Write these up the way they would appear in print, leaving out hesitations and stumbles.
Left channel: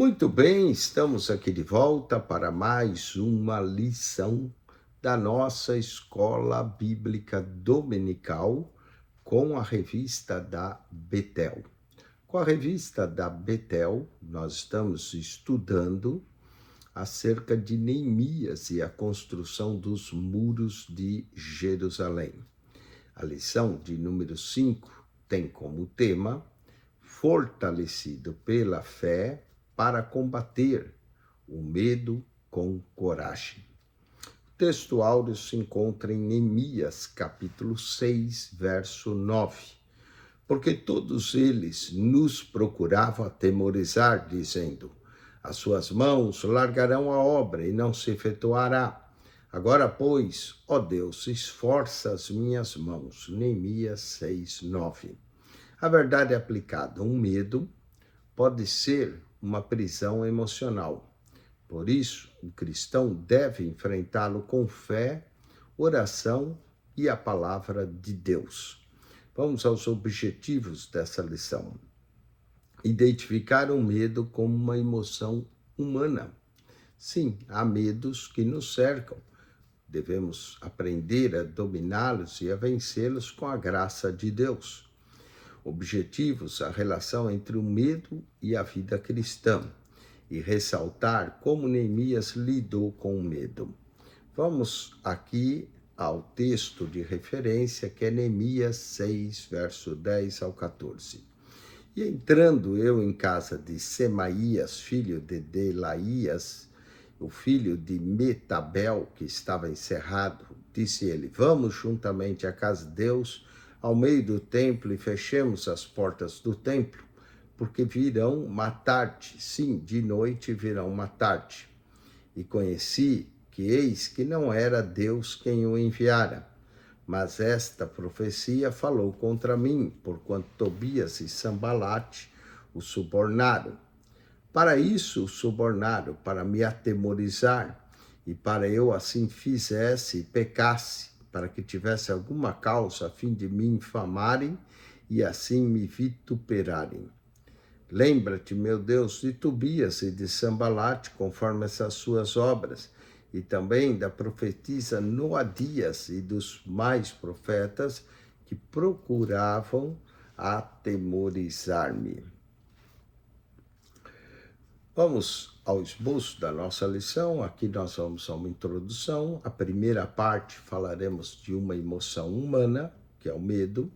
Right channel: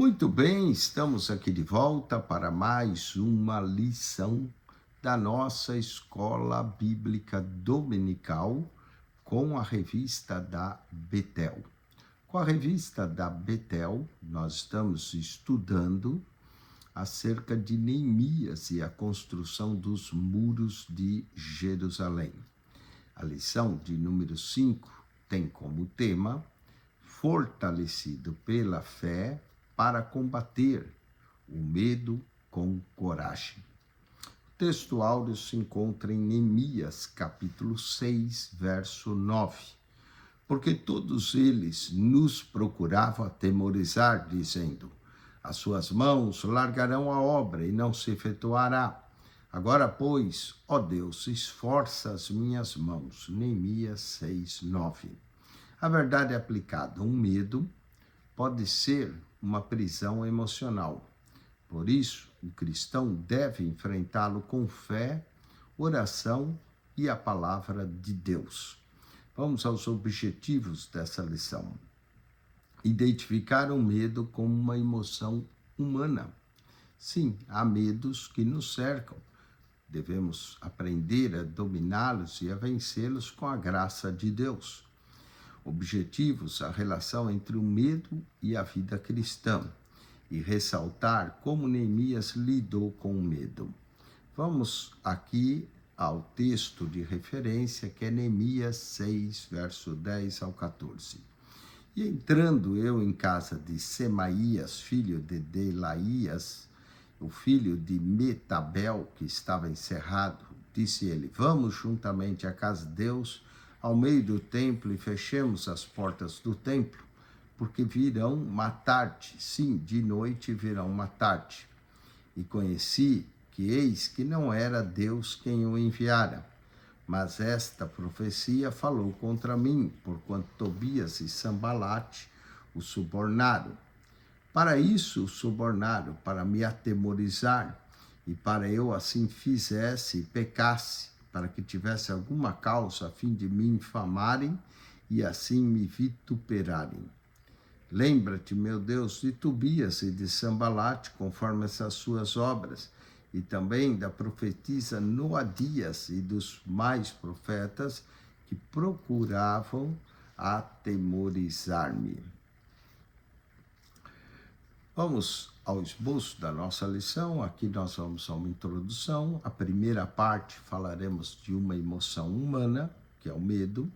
Muito bem, estamos aqui de volta para mais uma lição da nossa Escola Bíblica Dominical com a revista da Betel. Com a revista da Betel, nós estamos estudando acerca de Neemias e a construção dos muros de Jerusalém. A lição de número 5 tem como tema fortalecido pela fé para combater o medo com coragem. O texto áureo se encontra em Neemias, capítulo 6, verso 9. Porque todos eles nos procuravam atemorizar, dizendo: as suas mãos largarão a obra e não se efetuará. Agora, pois, ó Deus, esforça as minhas mãos. Neemias 6, 9. A verdade é aplicada, um medo pode ser uma prisão emocional. Por isso, o cristão deve enfrentá-lo com fé, oração e a palavra de Deus. Vamos aos objetivos dessa lição. Identificar o medo como uma emoção humana. Sim, há medos que nos cercam. Devemos aprender a dominá-los e a vencê-los com a graça de Deus. Objetivos: a relação entre o medo e a vida cristã, e ressaltar como Neemias lidou com o medo. Vamos aqui ao texto de referência, que é Neemias 6, verso 10 ao 14. E entrando eu em casa de Semaías, filho de Delaías, o filho de Metabel, que estava encerrado, disse ele: vamos juntamente à casa de Deus, ao meio do templo, e fechemos as portas do templo, porque virão matar-te. Sim, de noite virão matar-te. E conheci que eis que não era Deus quem o enviara, mas esta profecia falou contra mim, porquanto Tobias e Sambalate o subornaram. Para isso o subornaram, para me atemorizar, e para eu assim fizesse e pecasse, para que tivesse alguma causa a fim de me infamarem e assim me vituperarem. Lembra-te, meu Deus, de Tobias e de Sambalate, conforme essas suas obras, e também da profetisa Noadias e dos mais profetas que procuravam atemorizar-me. Vamos ao esboço da nossa lição. Aqui nós vamos a uma introdução. A primeira parte falaremos de uma emoção humana, que é o medo.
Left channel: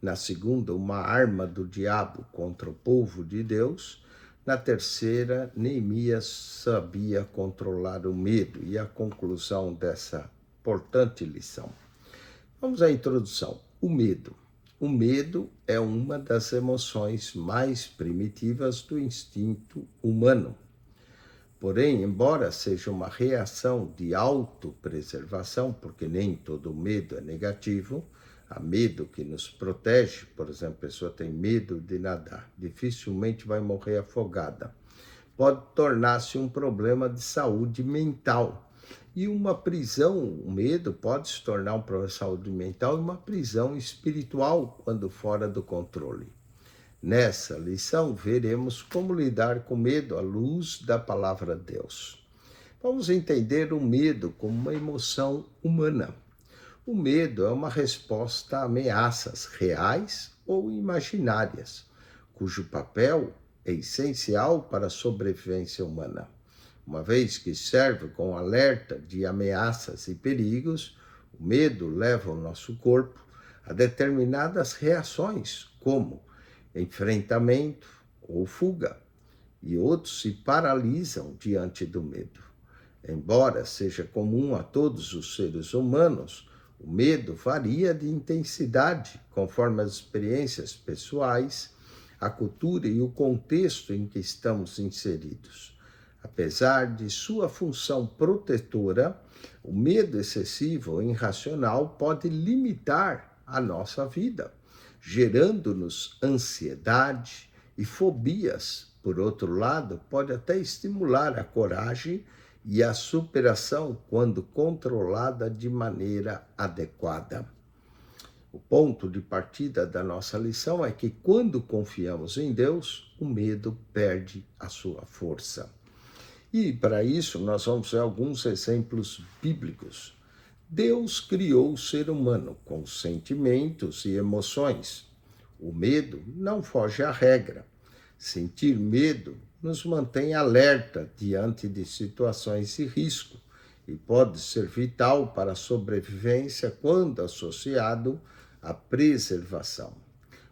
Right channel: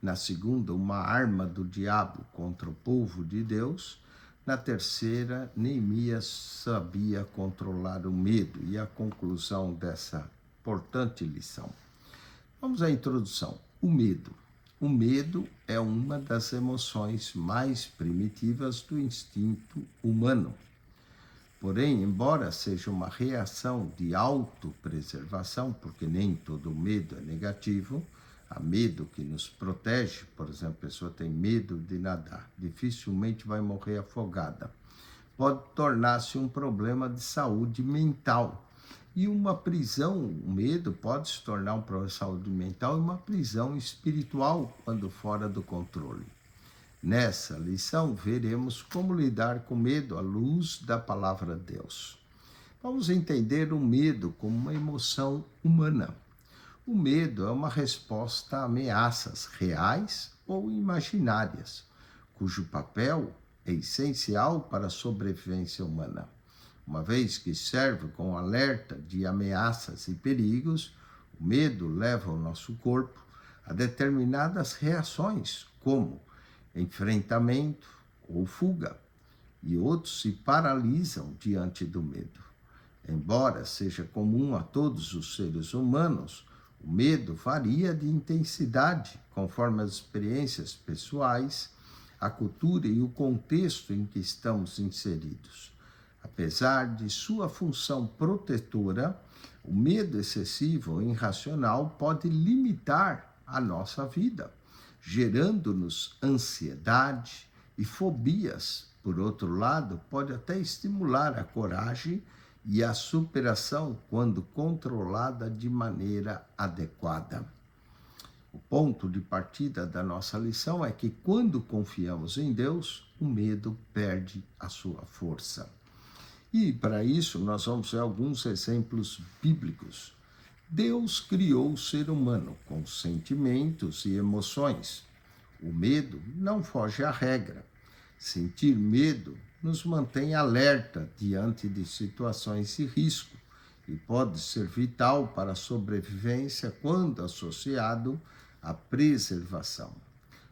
Na segunda, uma arma do diabo contra o povo de Deus. Na terceira, Neemias sabia controlar o medo. E a conclusão dessa importante lição. Vamos à introdução. O medo. O medo é uma das emoções mais primitivas do instinto humano. Porém, embora seja uma reação de autopreservação, porque nem todo medo é negativo, há medo que nos protege. Por exemplo, a pessoa tem medo de nadar, dificilmente vai morrer afogada. Pode tornar-se um problema de saúde mental. E uma prisão, o medo pode se tornar um problema de saúde mental e uma prisão espiritual quando fora do controle. Nessa lição, veremos como lidar com medo à luz da palavra de Deus. Vamos entender o medo como uma emoção humana. O medo é uma resposta a ameaças reais ou imaginárias, cujo papel é essencial para a sobrevivência humana. Uma vez que serve como alerta de ameaças e perigos, o medo leva o nosso corpo a determinadas reações, como enfrentamento ou fuga, e outros se paralisam diante do medo. Embora seja comum a todos os seres humanos, o medo varia de intensidade conforme as experiências pessoais, a cultura e o contexto em que estamos inseridos. Apesar de sua função protetora, o medo excessivo ou irracional pode limitar a nossa vida, gerando-nos ansiedade e fobias. Por outro lado, pode até estimular a coragem e a superação quando controlada de maneira adequada. O ponto de partida da nossa lição é que quando confiamos em Deus, o medo perde a sua força. E para isso nós vamos ver alguns exemplos bíblicos. Deus criou o ser humano com sentimentos e emoções. O medo não foge à regra. Sentir medo nos mantém alerta diante de situações de risco e pode ser vital para a sobrevivência quando associado à preservação.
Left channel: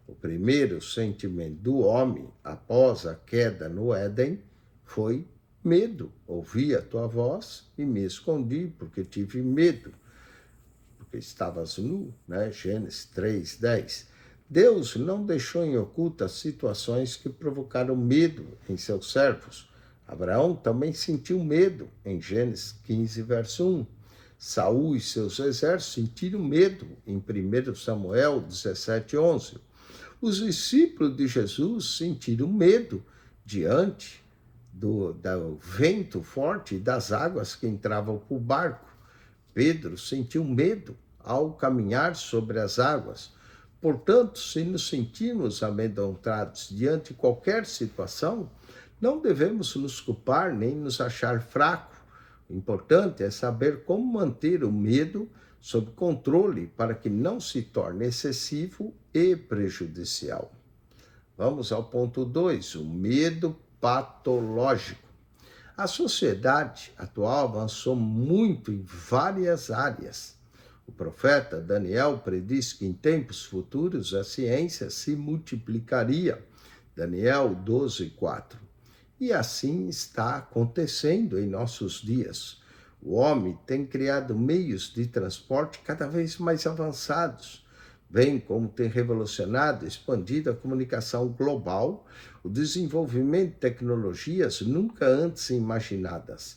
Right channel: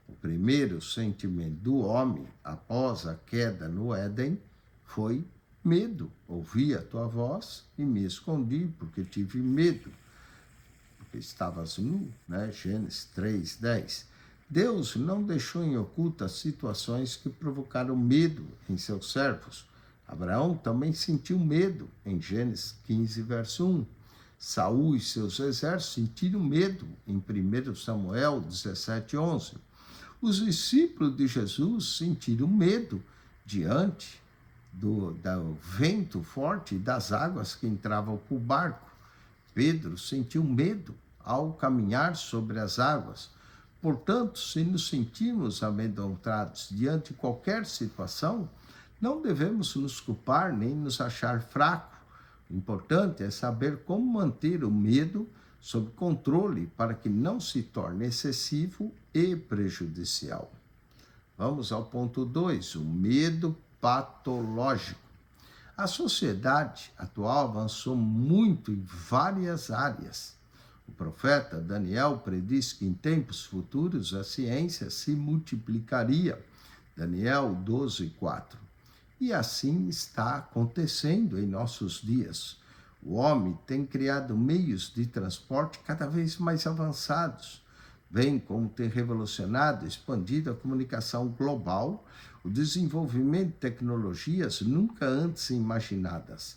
O primeiro sentimento do homem após a queda no Éden foi medo. Ouvi a tua voz e me escondi porque tive medo, porque estavas nu, né? Gênesis 3:10. Deus não deixou em oculta situações que provocaram medo em seus servos. Abraão também sentiu medo em Gênesis 15, verso 1. Saul e seus exércitos sentiram medo em 1 Samuel 17:11. Os discípulos de Jesus sentiram medo diante do vento forte e das águas que entravam para o barco. Pedro sentiu medo ao caminhar sobre as águas. Portanto, se nos sentirmos amedrontados diante de qualquer situação, não devemos nos culpar nem nos achar fracos. O importante é saber como manter o medo sob controle para que não se torne excessivo e prejudicial. Vamos ao ponto 2, o medo patológico. A sociedade atual avançou muito em várias áreas. O profeta Daniel prediz que em tempos futuros a ciência se multiplicaria. Daniel 12:4. E assim está acontecendo em nossos dias. O homem tem criado meios de transporte cada vez mais avançados, bem como tem revolucionado e expandido a comunicação global, o desenvolvimento de tecnologias nunca antes imaginadas,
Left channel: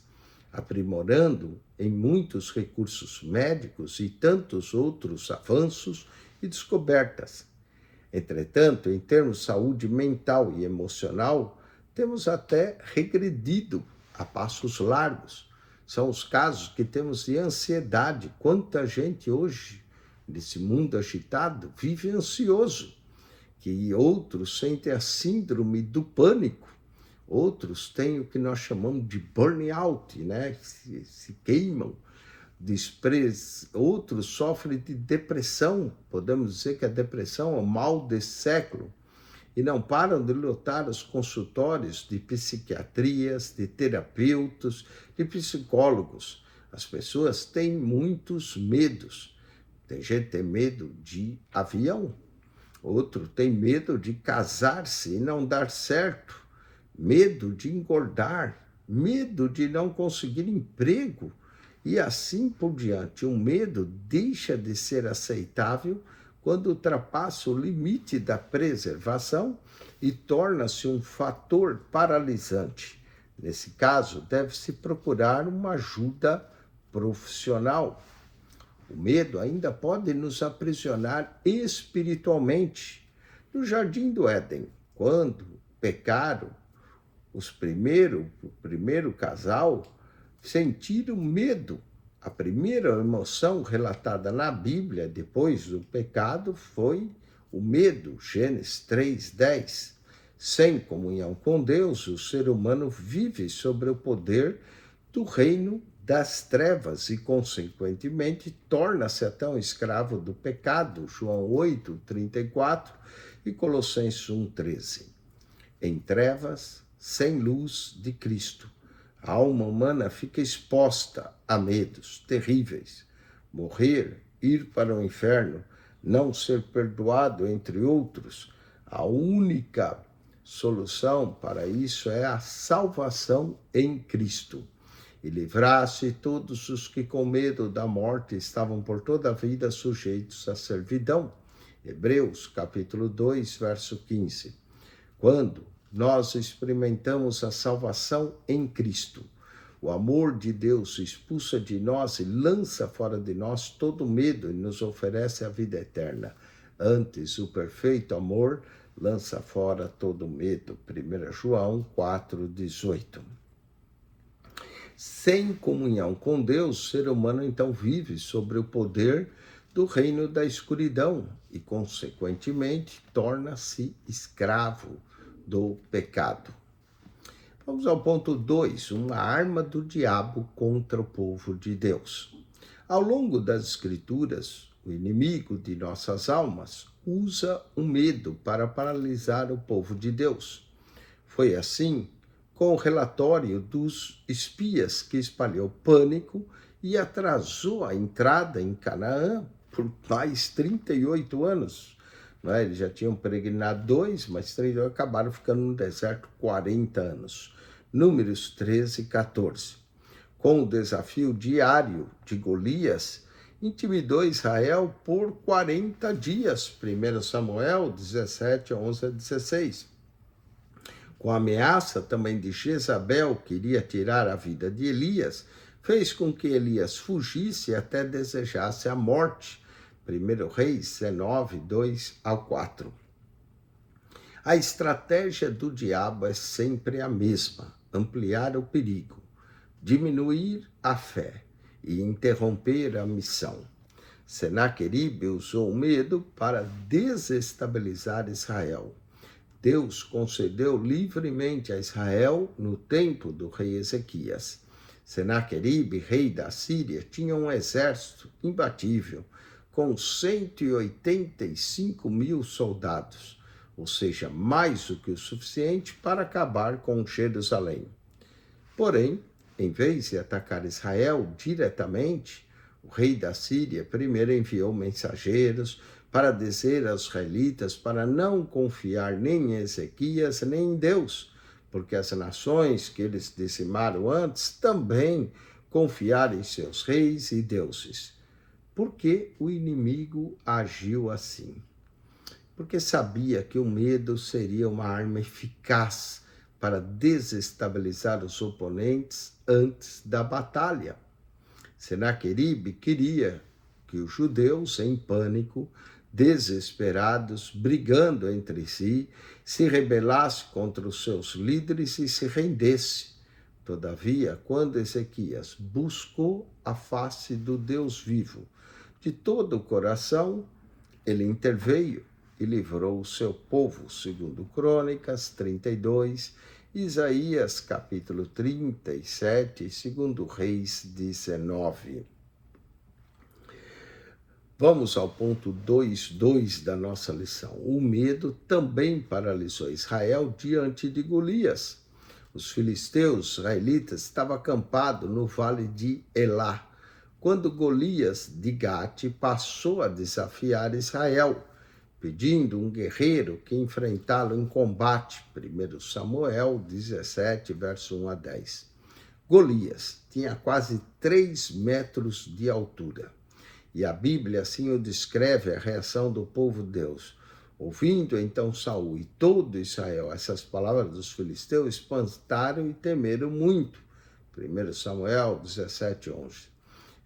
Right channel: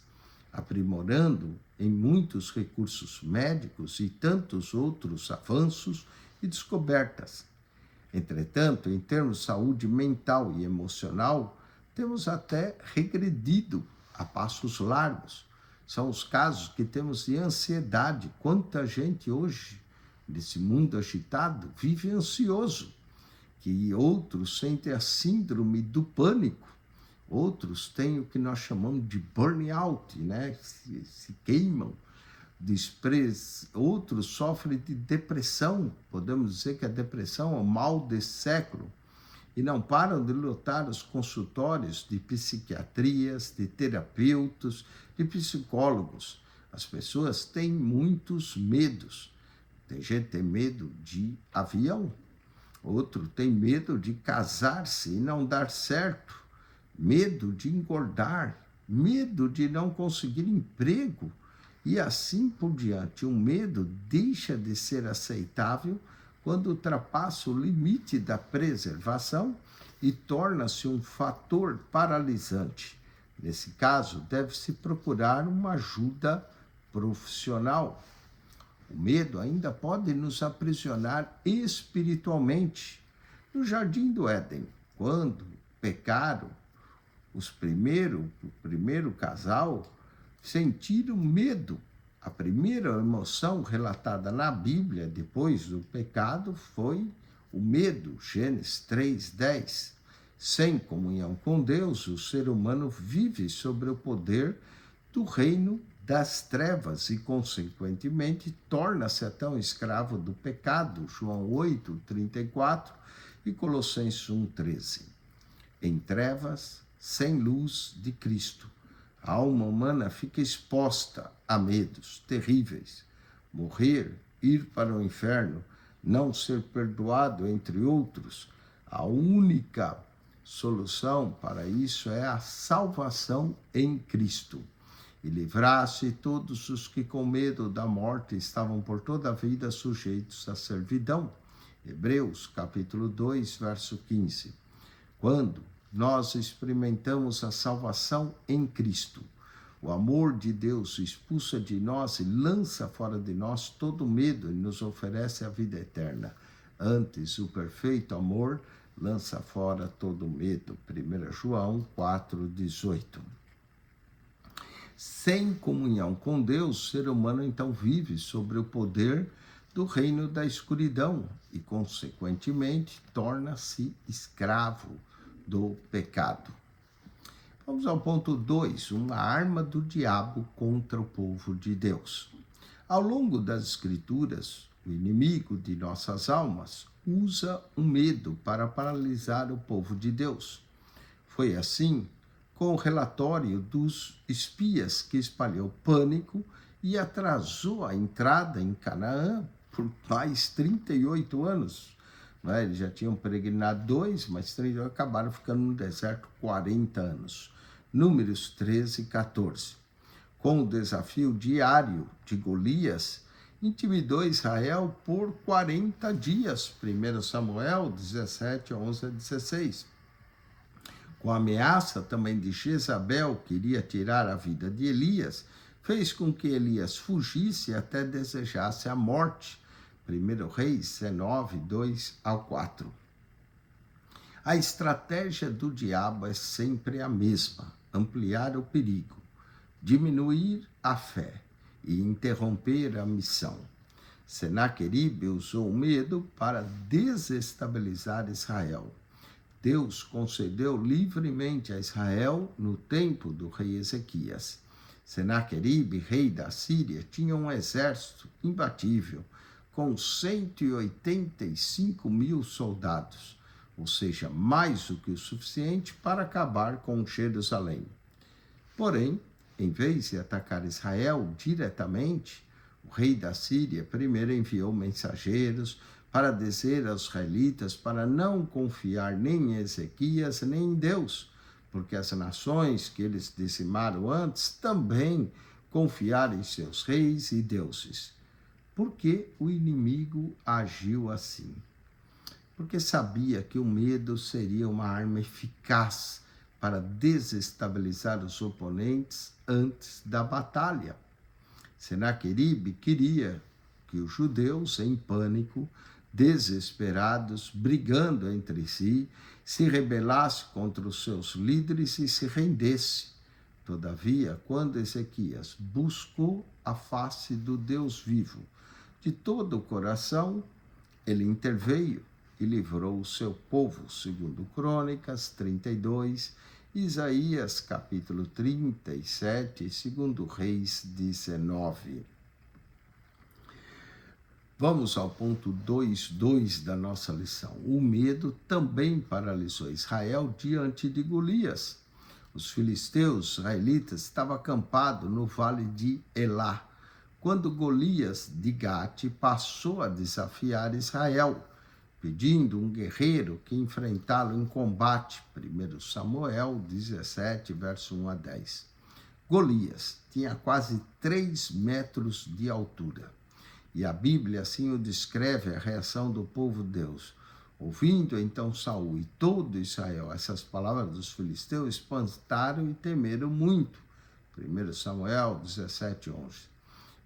aprimorando em muitos recursos médicos e tantos outros avanços e descobertas. Entretanto, em termos de saúde mental e emocional, temos até regredido a passos largos. São os casos que temos de ansiedade. Quanta gente hoje, nesse mundo agitado, vive ansioso, que outros sentem a síndrome do pânico, outros têm o que nós chamamos de burnout, né? Se queimam, outros sofrem de depressão, podemos dizer que a depressão é o mal desse século, e não param de lotar os consultórios de psiquiatrias, de terapeutas, de psicólogos. As pessoas têm muitos medos. Tem gente que tem medo de avião, outro tem medo de casar-se e não dar certo, medo de engordar, medo de não conseguir emprego e assim por diante. O medo deixa de ser aceitável quando ultrapassa o limite da preservação e torna-se um fator paralisante. Nesse caso, deve-se procurar uma ajuda profissional. O medo ainda pode nos aprisionar espiritualmente. No Jardim do Éden, quando pecaram, o primeiro casal sentiram medo. A primeira emoção relatada na Bíblia depois do pecado foi o medo, Gênesis 3:10. Sem comunhão com Deus, o ser humano vive sobre o poder do reino das trevas e, consequentemente, torna-se até um escravo do pecado, João 8:34 e Colossenses 1:13. Em trevas, sem luz de Cristo, a alma humana fica exposta a medos terríveis. Morrer, ir para o inferno, não ser perdoado, entre outros. A única solução para isso é a salvação em Cristo. E livrar-se todos os que com medo da morte estavam por toda a vida sujeitos à servidão. Hebreus capítulo 2, verso 15. Quando nós experimentamos a salvação em Cristo, o amor de Deus expulsa de nós e lança fora de nós todo medo e nos oferece a vida eterna. Antes, o perfeito amor lança fora todo medo. 1 João 4:18. Sem comunhão com Deus, o ser humano então vive sobre o poder do reino da escuridão e, consequentemente, torna-se escravo do pecado. Vamos ao ponto 2, uma arma do diabo contra o povo de Deus. Ao longo das Escrituras, o inimigo de nossas almas usa o medo para paralisar o povo de Deus. Foi assim com o relatório dos espias que espalhou pânico e atrasou a entrada em Canaã por mais 38 anos. Eles já tinham peregrinado 2, mas 3 acabaram ficando no deserto 40 anos. Números 13 e 14. Com o desafio diário de Golias, intimidou Israel por 40 dias. 1 Samuel 17, 11 a 16. Com a ameaça também de Jezabel, que iria tirar a vida de Elias, fez com que Elias fugisse e até desejasse a morte. 1 Reis 19, 2 ao 4. A estratégia do diabo é sempre a mesma: ampliar o perigo, diminuir a fé e interromper a missão. Senaqueribe usou o medo para desestabilizar Israel. Deus concedeu livremente a Israel no tempo do rei Ezequias. Senaqueribe, rei da Síria, tinha um exército imbatível, com 185 mil soldados, ou seja, mais do que o suficiente para acabar com Jerusalém. Porém, em vez de atacar Israel diretamente, o rei da Síria primeiro enviou mensageiros para dizer aos israelitas para não confiar nem em Ezequias nem em Deus, porque as nações que eles dizimaram antes também confiaram em seus reis e deuses. Por que o inimigo agiu assim? Porque sabia que o medo seria uma arma eficaz para desestabilizar os oponentes antes da batalha. Senaqueribe queria que os judeus, em pânico, desesperados, brigando entre si, se rebelassem contra os seus líderes e se rendesse. Todavia, quando Ezequias buscou a face do Deus vivo de todo o coração, ele interveio e livrou o seu povo, segundo Crônicas 32, Isaías capítulo 37 e segundo Reis 19. Vamos ao ponto 2.2 da nossa lição. O medo também paralisou Israel diante de Golias. Os filisteus israelitas estavam acampados no vale de Elá, quando Golias de Gate passou a desafiar Israel, pedindo um guerreiro que enfrentá-lo em combate. 1 Samuel 17, verso 1 a 10. Golias tinha quase 3 metros de altura. E a Bíblia assim o descreve, a reação do povo de Deus. Ouvindo então Saul e todo Israel essas palavras dos filisteus, espantaram e temeram muito. 1 Samuel 17, 11.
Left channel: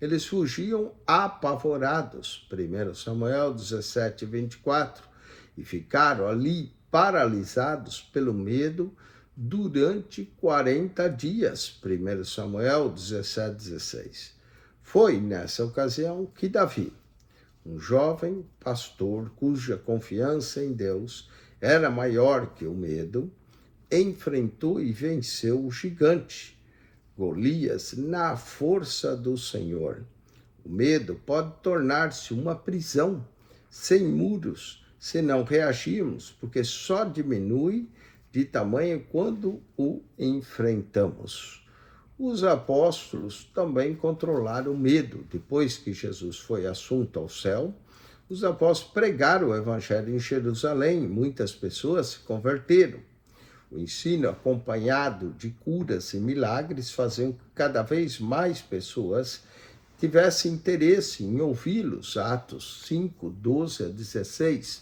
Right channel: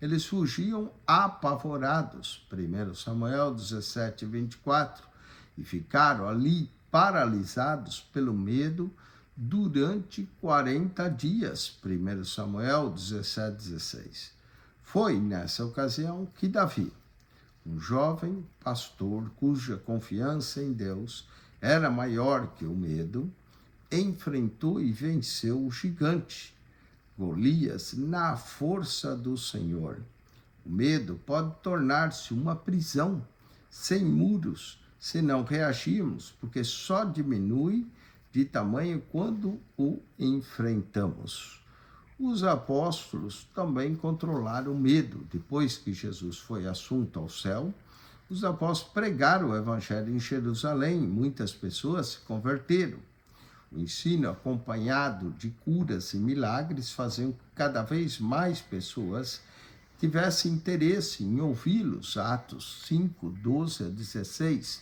Eles fugiam apavorados, 1 Samuel 17, 24, e ficaram ali paralisados pelo medo durante 40 dias, 1 Samuel 17, 16. Foi nessa ocasião que Davi, um jovem pastor cuja confiança em Deus era maior que o medo, enfrentou e venceu o gigante Golias na força do Senhor. O medo pode tornar-se uma prisão sem muros se não reagirmos, porque só diminui de tamanho quando o enfrentamos. Os apóstolos também controlaram o medo. Depois que Jesus foi assunto ao céu, os apóstolos pregaram o evangelho em Jerusalém. Muitas pessoas se converteram. O ensino acompanhado de curas e milagres fazia com que cada vez mais pessoas tivessem interesse em ouvi-los. Atos 5, 12 a 16.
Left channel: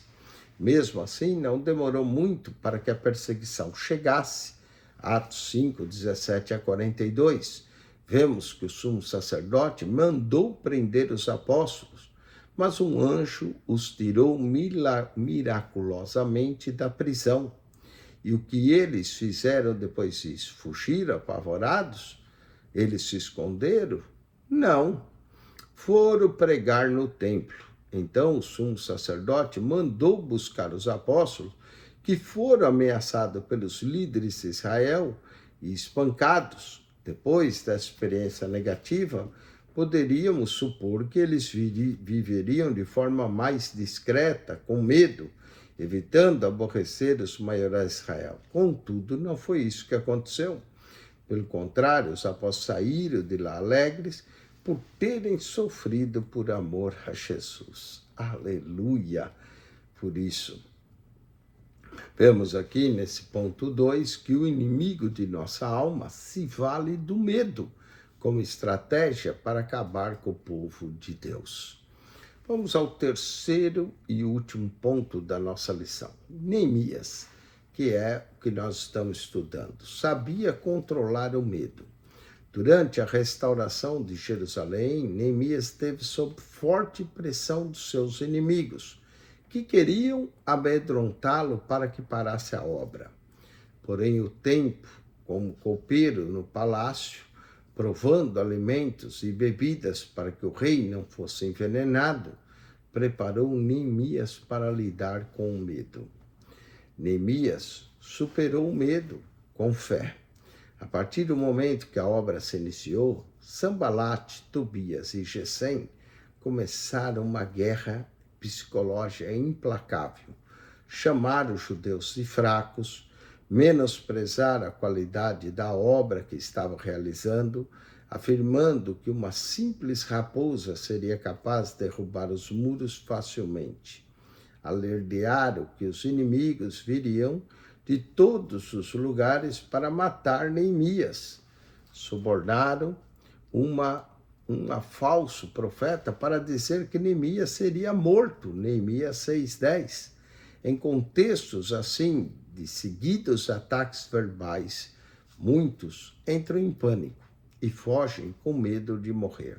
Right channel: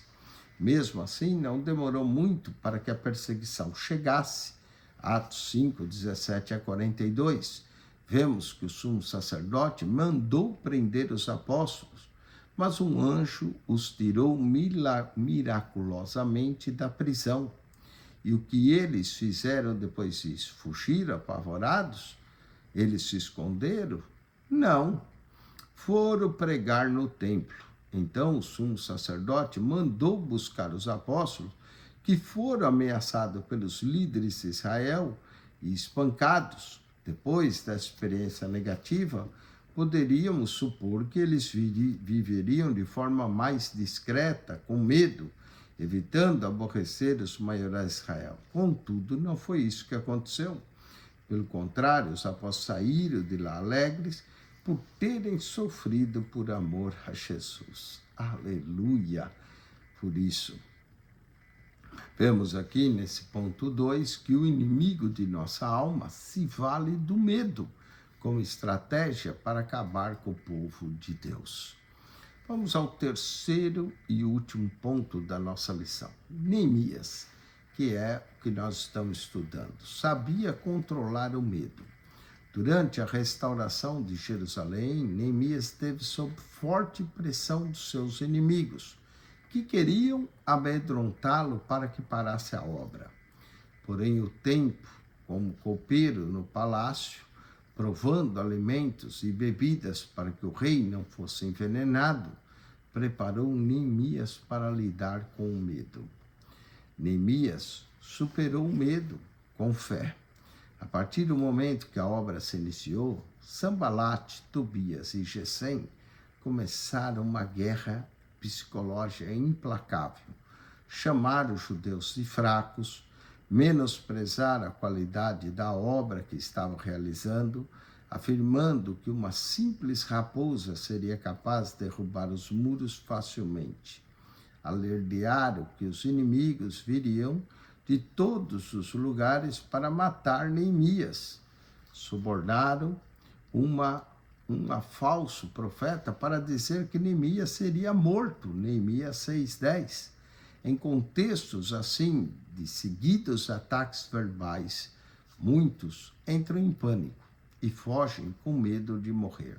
Mesmo assim, não demorou muito para que a perseguição chegasse. Atos 5, 17 a 42. Vemos que o sumo sacerdote mandou prender os apóstolos, mas um anjo os tirou miraculosamente da prisão. E o que eles fizeram depois disso? Fugiram apavorados? Eles se esconderam? Não. Foram pregar no templo. Então o sumo sacerdote mandou buscar os apóstolos, que foram ameaçados pelos líderes de Israel e espancados. Depois da experiência negativa, poderíamos supor que eles viveriam de forma mais discreta, com medo, evitando aborrecer os maiorais de Israel. Contudo, não foi isso que aconteceu. Pelo contrário, os apóstolos saíram de lá alegres por terem sofrido por amor a Jesus. Aleluia! Por isso, vemos aqui nesse ponto 2 que o inimigo de nossa alma se vale do medo como estratégia para acabar com o povo de Deus. Vamos ao terceiro e último ponto da nossa lição. Neemias, que é o que nós estamos estudando, sabia controlar o medo. Durante a restauração de Jerusalém, Neemias esteve sob forte pressão dos seus inimigos, que queriam amedrontá-lo para que parasse a obra. Porém, o tempo, como copeiro no palácio, provando alimentos e bebidas para que o rei não fosse envenenado, preparou Neemias para lidar com o medo. Neemias superou o medo com fé. A partir do momento que a obra se iniciou, Sanbalate, Tobias e Gesem começaram uma guerra psicológica implacável. Chamaram os judeus de fracos, menosprezaram a qualidade da obra que estavam realizando, afirmando que uma simples raposa seria capaz de derrubar os muros facilmente. Alardearam que os inimigos viriam de todos os lugares para matar Neemias. Subornaram um falso profeta para dizer que Neemias seria morto, Neemias 6:10. Em contextos assim, de seguidos ataques verbais, muitos entram em pânico e fogem com medo de morrer.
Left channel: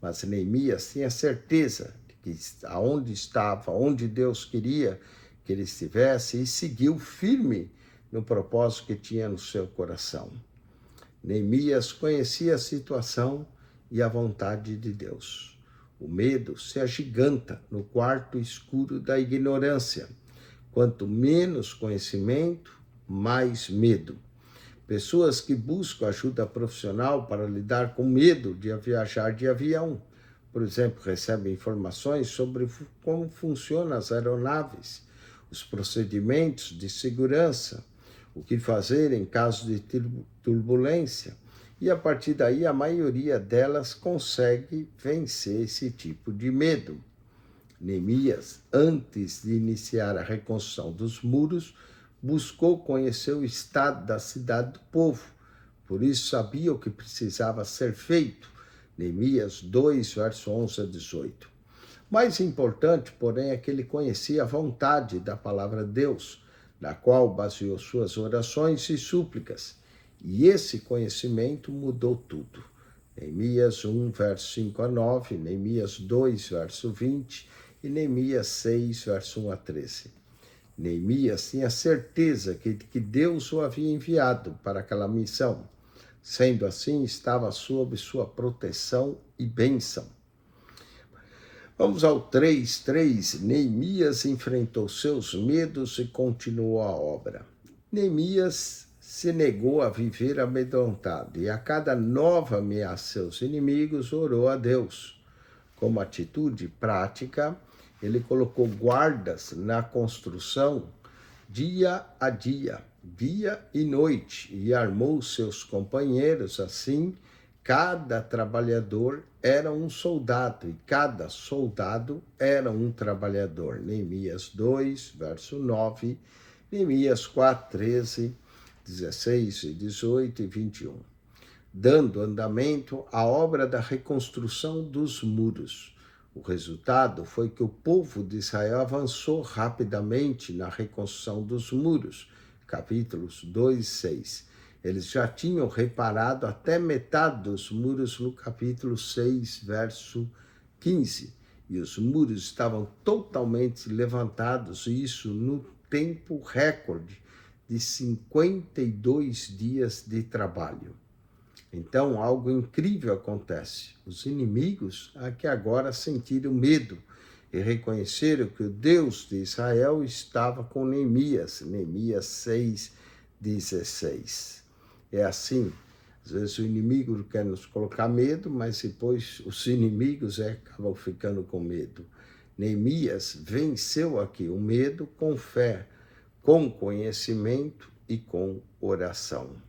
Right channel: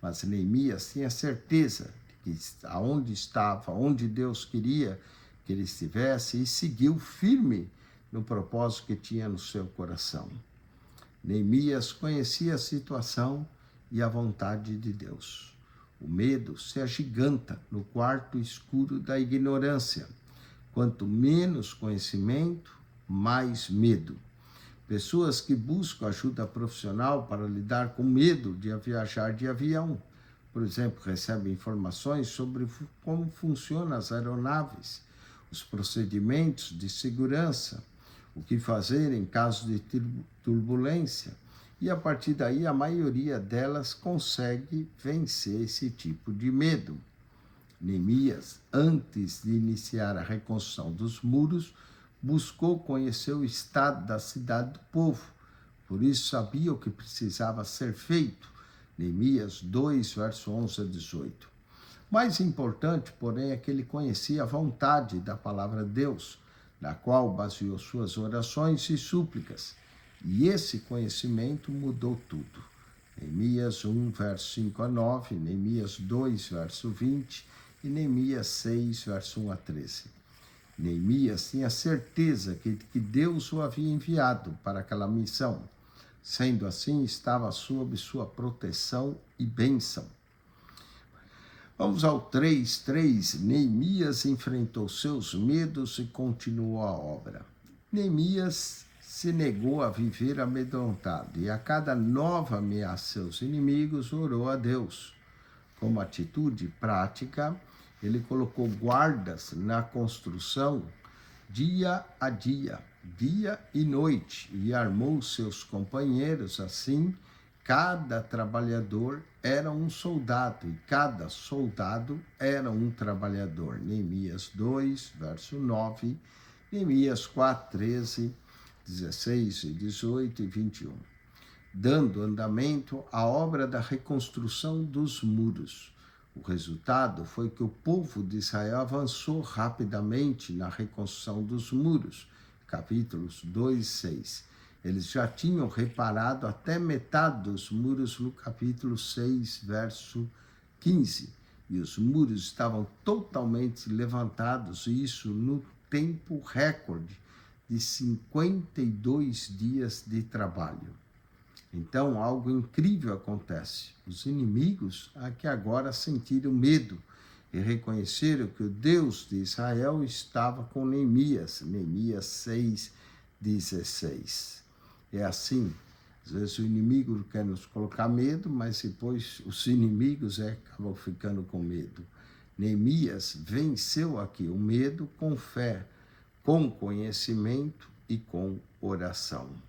Mas Neemias tinha certeza de que aonde estava, onde Deus queria que ele estivesse, e seguiu firme no propósito que tinha no seu coração. Neemias conhecia a situação e a vontade de Deus. O medo se agiganta no quarto escuro da ignorância. Quanto menos conhecimento, mais medo. Pessoas que buscam ajuda profissional para lidar com medo de viajar de avião, por exemplo, recebem informações sobre como funcionam as aeronaves, os procedimentos de segurança, o que fazer em caso de turbulência, e a partir daí a maioria delas consegue vencer esse tipo de medo. Neemias, antes de iniciar a reconstrução dos muros, buscou conhecer o estado da cidade do povo, por isso sabia o que precisava ser feito. Neemias 2, verso 11 a 18. Mais importante, porém, é que ele conhecia a vontade da palavra de Deus, na qual baseou suas orações e súplicas. E esse conhecimento mudou tudo. Neemias 1, verso 5 a 9, Neemias 2, verso 20 e Neemias 6, verso 1 a 13. Neemias tinha certeza que Deus o havia enviado para aquela missão. Sendo assim, estava sob sua proteção e bênção. Vamos ao 3:3. Neemias enfrentou seus medos e continuou a obra. Neemias se negou a viver amedrontado e a cada nova ameaça seus inimigos orou a Deus. Como atitude prática, ele colocou guardas na construção dia a dia e noite, e armou seus companheiros assim. Cada trabalhador era um soldado, e cada soldado era um trabalhador. Neemias 2, verso 9, Neemias 4, 13, 16, 18 e 21. Dando andamento à obra da reconstrução dos muros. O resultado foi que o povo de Israel avançou rapidamente na reconstrução dos muros. Capítulos 2 e 6. Eles já tinham reparado até metade dos muros no capítulo 6, verso 15. E os muros estavam totalmente levantados, e isso no tempo recorde de 52 dias de trabalho. Então, algo incrível acontece. Os inimigos que agora sentiram medo e reconheceram que o Deus de Israel estava com Neemias, Neemias 6,16. É assim, às vezes o inimigo quer nos colocar medo, mas depois os inimigos acabam ficando com medo. Neemias venceu aqui o medo com fé, com conhecimento e com oração.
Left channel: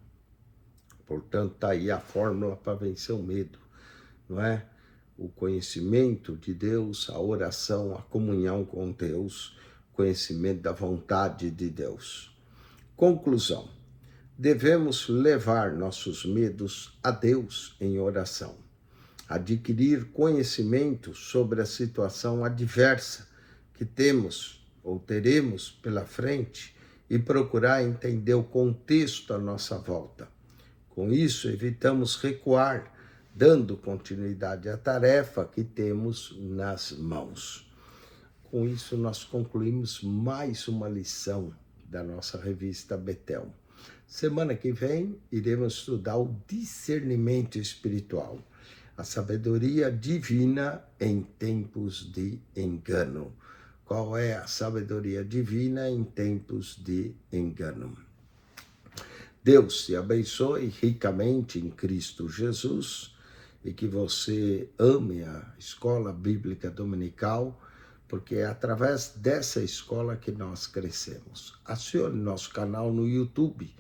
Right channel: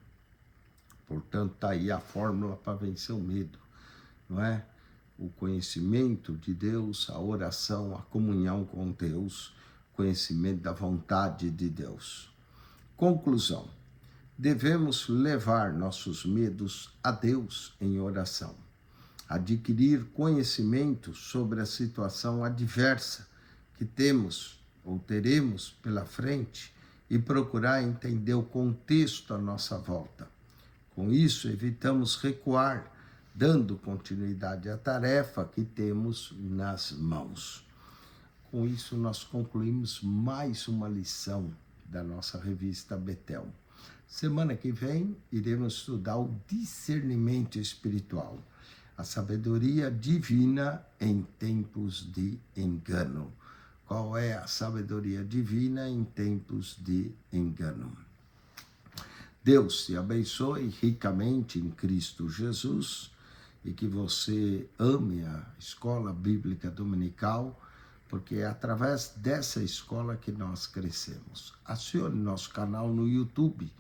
Portanto, está aí a fórmula para vencer o medo, não é? O conhecimento de Deus, a oração, a comunhão com Deus, conhecimento da vontade de Deus. Conclusão: devemos levar nossos medos a Deus em oração, adquirir conhecimento sobre a situação adversa que temos ou teremos pela frente e procurar entender o contexto à nossa volta. Com isso, evitamos recuar, dando continuidade à tarefa que temos nas mãos. Com isso, nós concluímos mais uma lição da nossa revista Betel. Semana que vem, iremos estudar o discernimento espiritual, a sabedoria divina em tempos de engano. Qual é a sabedoria divina em tempos de engano? Deus te abençoe ricamente em Cristo Jesus e que você ame a Escola Bíblica Dominical, porque é através dessa escola que nós crescemos. Acione nosso canal no YouTube,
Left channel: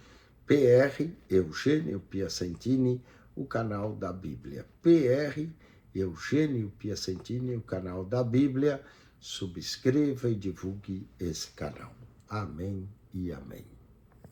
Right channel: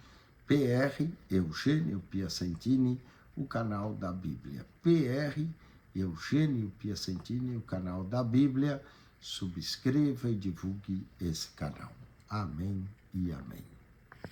PR Eugênio Piacentini, o canal da Bíblia. PR Eugênio Piacentini, o canal da Bíblia. Subscreva e divulgue esse canal. Amém e amém.